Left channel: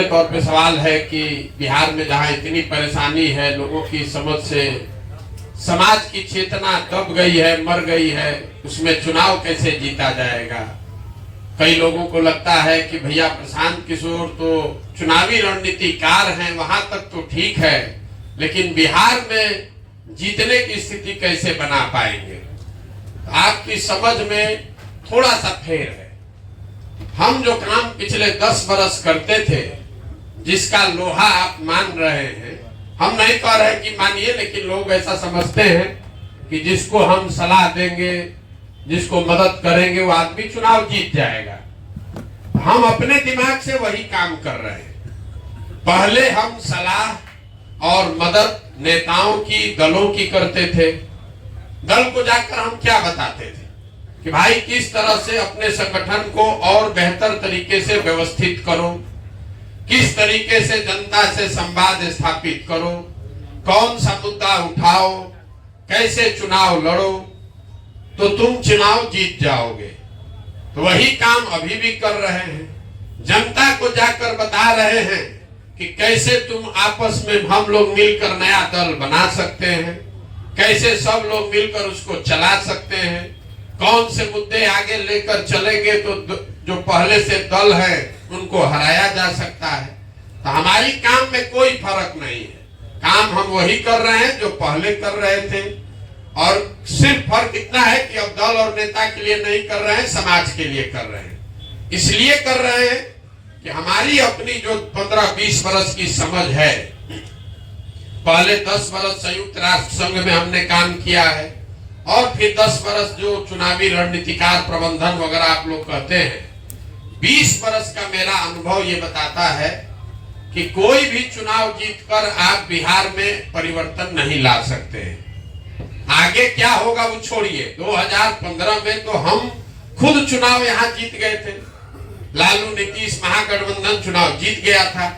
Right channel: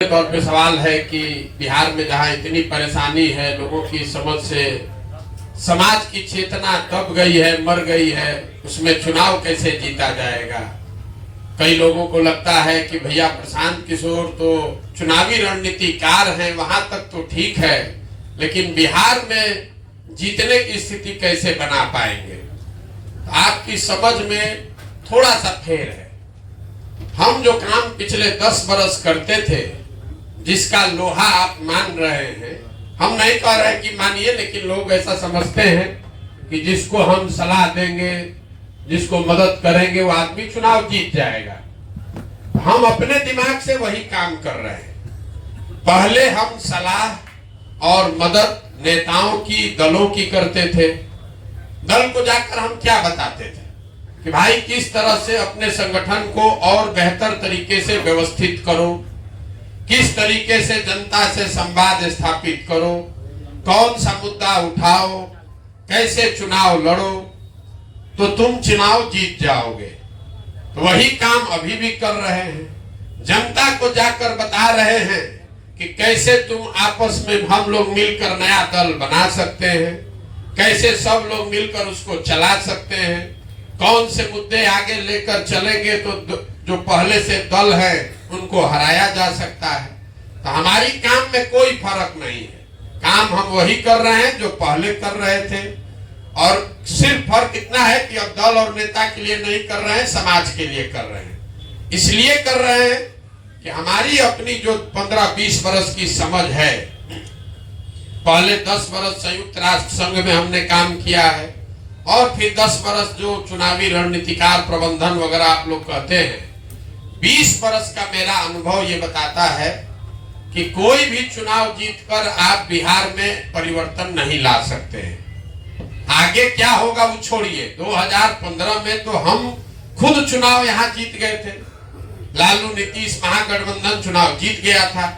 तौर पे सवाल है कि बिहार में जहाँ इतनी परेशानी है, लोगों की समझ से समाज की चेतना दब गई है, मर गई है, उसमें चुनाव कैसे जीता जाएगा। कई लोगों को लगता है कि भैया प्रशांत किशोर तो चुनावी रणनीतिकार हैं, वहां तक तो ठीक है, लेकिन बिहार में जीतने की स्थिति कैसे बना पाएंगे। आपकी समझ में थोड़ा सा फेर है। हम जो काम पिछले 10 बरस करते थे, जिसका लोहा आप मान रहे हैं, हम नहीं कह रहे कि मानिए, लेकिन लोग ऐसा समझते हैं कि जिसको हम सलाह देंगे, जिसको मदद करेंगे, वो आदमी चुनाव जीत जाएगा। हम अपने दिमाग से वही काम कर रहे हैं। पहले हम सलाह और मदद नेताओं की, दलों की करते थे। दल को जाकर हम क्या बताते थे कि भाई किस तरह से अपने संगठन को और बेहतर तरीके से व्यवस्थित करो, किस तरीके से जनता से संवाद स्थापित करो, कौन सा मुद्दा उठाओ, कैसे चुनाव लड़ो तो तुम चुनाव जीत जाओगे। तो वही काम अभी भी कर रहे हैं। जनता को जाकर बता रहे हैं कि कैसे तुम आपस में हम लोग मिलकर नया दल बना सकते हैं, कैसे सब लोग मिलकर उसको चला सकते हैं, कौन से मुद्दे आगे लेकर चलेंगे तो जो पहले से दल है उनको हराया जा सकता है। तो हमारी काम में कोई फर्क नहीं है। काम हम वही कर रहे हैं जो पहले कर रहे थे, और सिर्फ फर्क इतना है कि अब दल और नेता के लिए नहीं कर रहे हैं, समाज के लिए कर रहे हैं। इसलिए कर रहे हैं कि हमारी अपनी जो 15-20 बरस की समझ है, पहले 10 बरस संयुक्त राष्ट्र संघ में हमने काम किया है, और फिर 10 बरस जो चुनावी रणनीतिकार प्रबंधन वगैरह आप लोग कहते हैं, 20 बरस का मेरा अनुभव ये बताता है कि कोई भी चुनाव जीतकर आप बिहार में परिवर्तन नहीं ला सकते हैं। आगे क्या होगा वो छोड़िए। 2015 में तो हम खुद चुनाव यहाँ जीत गए थे। लालू नीतीश महागठबंधन चुनाव जीत गया था।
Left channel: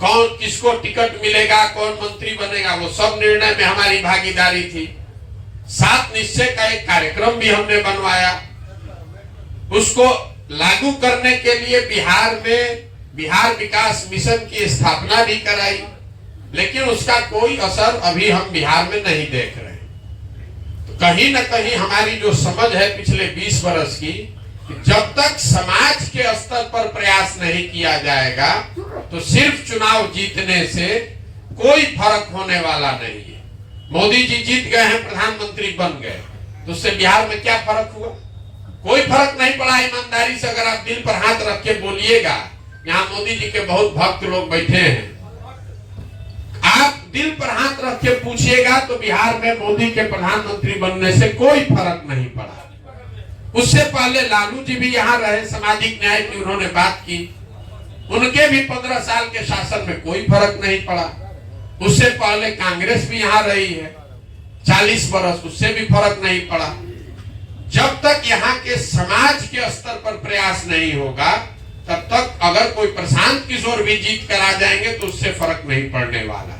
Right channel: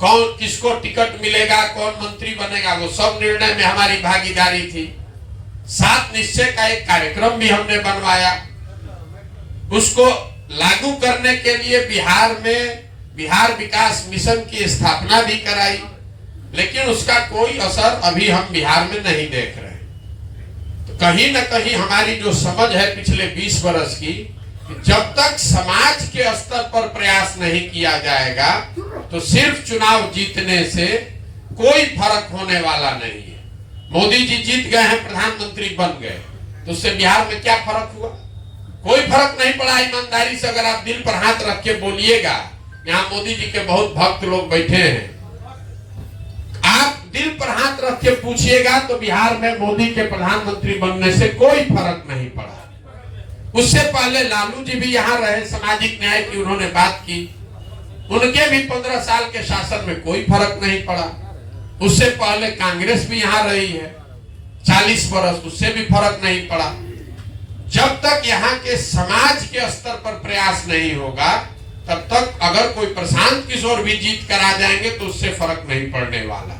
कौन किसको टिकट मिलेगा, कौन मंत्री बनेगा, वो सब निर्णय में हमारी भागीदारी थी। 7 निश्चय का एक कार्यक्रम भी हमने बनवाया, उसको लागू करने के लिए बिहार में बिहार विकास मिशन की स्थापना भी कराई, लेकिन उसका कोई असर अभी हम बिहार में नहीं देख रहे। तो कहीं ना कहीं हमारी जो समझ है पिछले 20 बरस की, जब तक समाज के स्तर पर प्रयास नहीं किया जाएगा तो सिर्फ चुनाव जीतने से कोई फर्क होने वाला नहीं है। मोदी जी जीत गए हैं, प्रधानमंत्री बन गए, तो उससे बिहार में क्या फर्क हुआ? कोई फर्क नहीं पड़ा। ईमानदारी से अगर आप दिल पर हाथ रख के बोलिएगा, यहाँ मोदी जी के बहुत भक्त लोग बैठे हैं, आप दिल पर हाथ रख के पूछिएगा तो बिहार में मोदी के प्रधानमंत्री बनने से कोई फर्क नहीं पड़ा। उससे पहले लालू जी भी यहाँ रहे, सामाजिक न्याय की उन्होंने बात की, उनके भी 15 साल के शासन में कोई फर्क नहीं पड़ा। उससे पहले कांग्रेस भी यहाँ रही है 40 बरस, उससे भी फर्क नहीं पड़ा। जब तक यहाँ के समाज के स्तर पर प्रयास नहीं होगा, तब तक अगर कोई प्रशांत किशोर भी जीत कर आ जाएंगे तो उससे फर्क नहीं पड़ने वाला।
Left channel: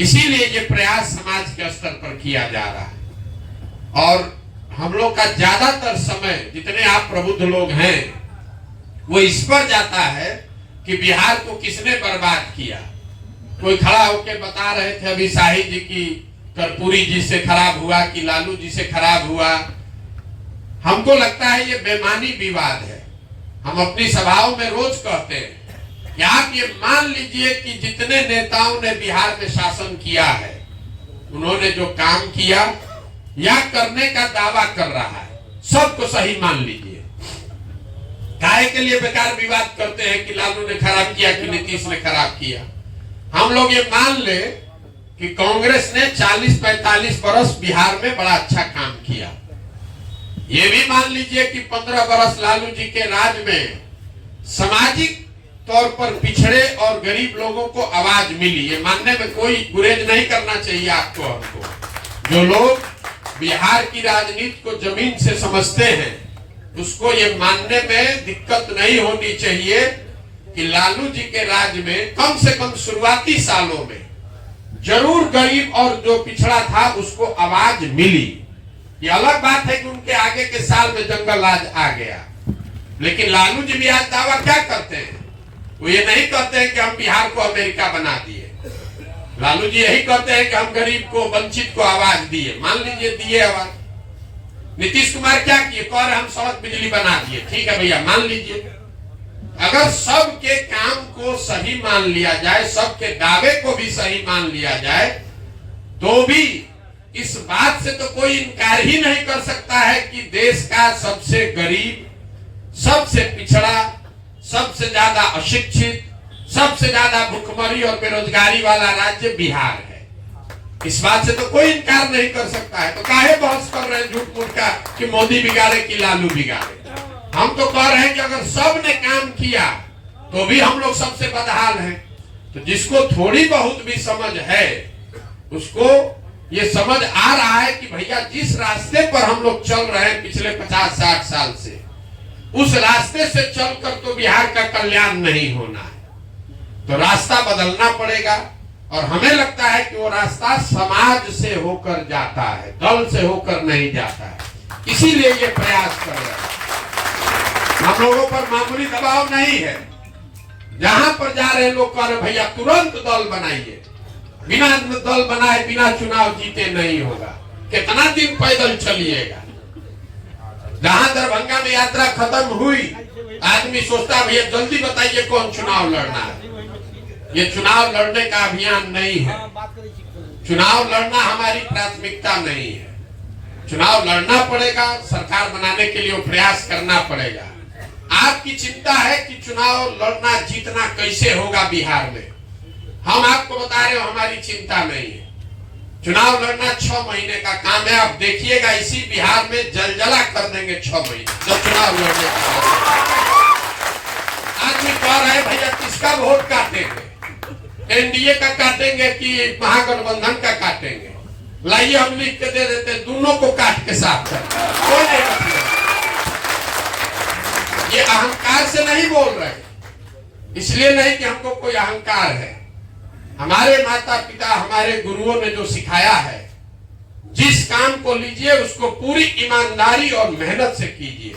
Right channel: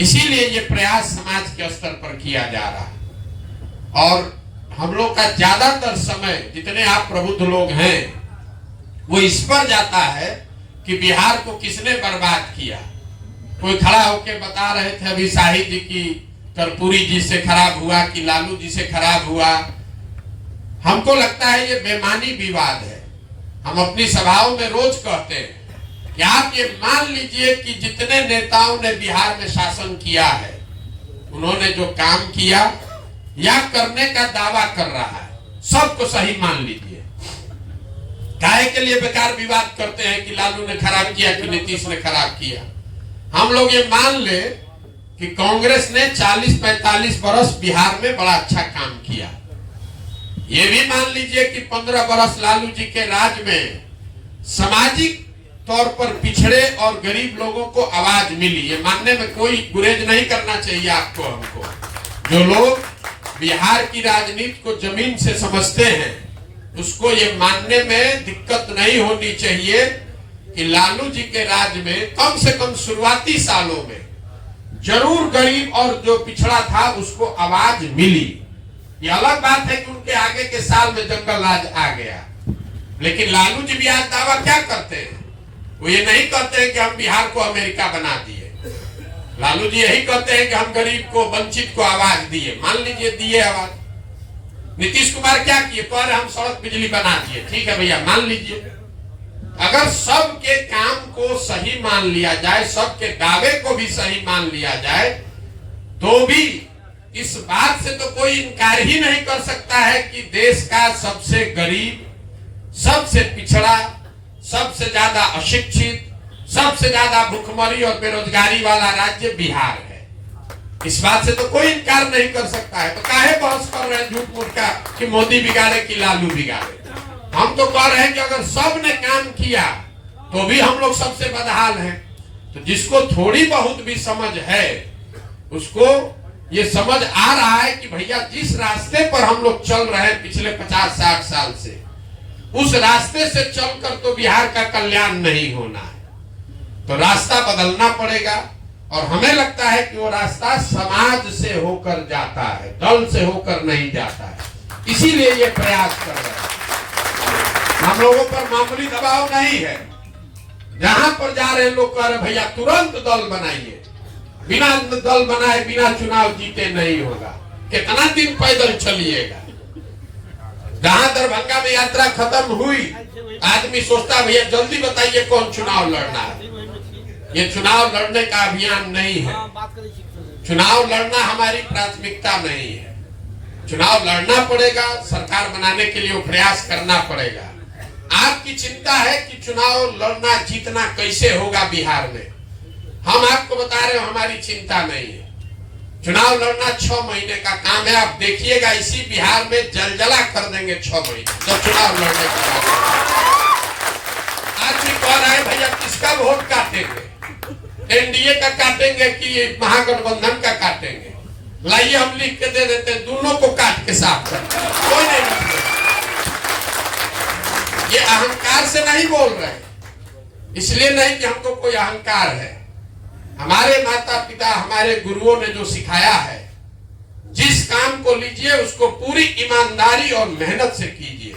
इसीलिए ये प्रयास समाज के स्तर पर किया जा रहा है। और हम लोग का ज्यादातर समय, जितने आप प्रबुद्ध लोग हैं, वो इस पर जाता है कि बिहार को किसने बर्बाद किया। कोई खड़ा होकर बता रहे थे अभी शाहिद जी की कर्पूरी जी से खराब हुआ कि लालू जी से खराब हुआ। हमको लगता है ये बेमानी विवाद है। हम अपनी सभाओं में रोज कहते हैं कि आप ये मान लीजिए कि जितने नेताओं ने बिहार में शासन किया है, उन्होंने जो काम किया या करने का दावा कर रहा है, सबको सही मान लीजिए। काहे के लिए बेकार विवाद करते हैं कि लालू ने खराब किया कि नीतीश ने खराब किया। हम लोग ये मान ले कि कांग्रेस ने 40-45 बरस बिहार में बड़ा अच्छा काम किया। ये भी मान लीजिए कि 15 बरस लालू जी के राज में सामाजिक तौर पर पिछड़े और गरीब लोगों को आवाज मिली। ये मानने में कोई गुरेज नहीं करना चाहिए आपको, हमको। जो लोग बिहार की राजनीति को जमीन से समझते हैं, उसको ये मानने में दिक्कत नहीं होनी चाहिए कि लालू जी के राज में कम से कम शुरुआती सालों में जरूर गरीब और जो पिछड़ा था उसको आवाज मिली। ये अलग बात है कि उनके आगे के साल में जंगल राज आ गया, लेकिन लालू जी भी आज दावा क्या करते हैं वो ये नहीं कहते हैं कि हम बिहार को अमेरिका बना दिए। लालू जी यही कहते हैं कि हम गरीब को, वंचित को आवाज दिए। मान लीजिए दिए आवाज। नीतीश कुमार क्या किए? कह रहे हम सड़क बिजली बना दिए। ठीक है भैया, मान लीजिए। अगर सबके काम को सही मान लिया जाए, सबके दावे को भी सही मान लिया जाए, तो भी इस बात से तो कोई इनकार ही नहीं कर सकता है कि देश का सबसे गरीब, सबसे पिछड़ा, सबसे ज्यादा अशिक्षित, सबसे ज्यादा भूखमरी और बेरोजगारी वाला राज्य बिहार है। इस बात से तो कोई इनकार नहीं कर सकता है। तो काहे बहस कर रहे हैं झूठ मूठ का कि मोदी बिगाड़े कि लालू बिगाड़े? हम तो कह रहे हैं कि अगर सब ने काम किया तो भी हम लोग सबसे बदहाल हैं। तो जिसको थोड़ी बहुत भी समझ है, उसको ये समझ आ रहा है कि भैया जिस रास्ते पर हम लोग चल रहे हैं पिछले 50-60 साल से, उस रास्ते से चलकर तो बिहार का कल्याण नहीं होना है। तो रास्ता बदलना पड़ेगा। और हमें लगता है कि वो रास्ता समाज से होकर जाता है, दल से होकर नहीं जाता है। इसीलिए ये प्रयास कर रहे हैं। हम लोगों पर मामूली दबाव नहीं है। जहां पर जा रहे लोग कह रहे भैया तुरंत दल बनाइए। बिना दल बनाए बिना चुनाव जीते नहीं होगा। कितना दिन पैदल चलिएगा? जहां दरभंगा में यात्रा खत्म हुई, आदमी सोचता भैया जल्दी बताइए कौन चुनाव लड़ना है। ये चुनाव लड़ने का अभियान नहीं है। चुनाव लड़ना हमारी प्राथमिकता नहीं है। चुनाव लड़ना पड़ेगा, सरकार बनाने के लिए वो प्रयास करना पड़ेगा। आपकी चिंता है कि चुनाव लड़ना जीतना कैसे होगा बिहार में। हम आपको बता रहे हो हमारी चिंता नहीं है। चुनाव लड़ना 6 महीने का काम है। आप देखिएगा इसी बिहार में जलजला कर देंगे 6 महीने जब चुनाव लड़ने का बाद। आदमी कह रहा है भैया किसका वोट काटेंगे? एनडीए का काटेंगे कि महागठबंधन का काटेंगे? लाइए हम लिख के दे देते, दोनों को काट के साफ कर। कोई नहीं मतलब। ये अहंकार से नहीं बोल रहे, इसलिए नहीं कि हमको कोई अहंकार है। हमारे माता पिता, हमारे गुरुओं ने जो सिखाया है, जिस काम को लीजिए उसको पूरी ईमानदारी और मेहनत से कीजिए।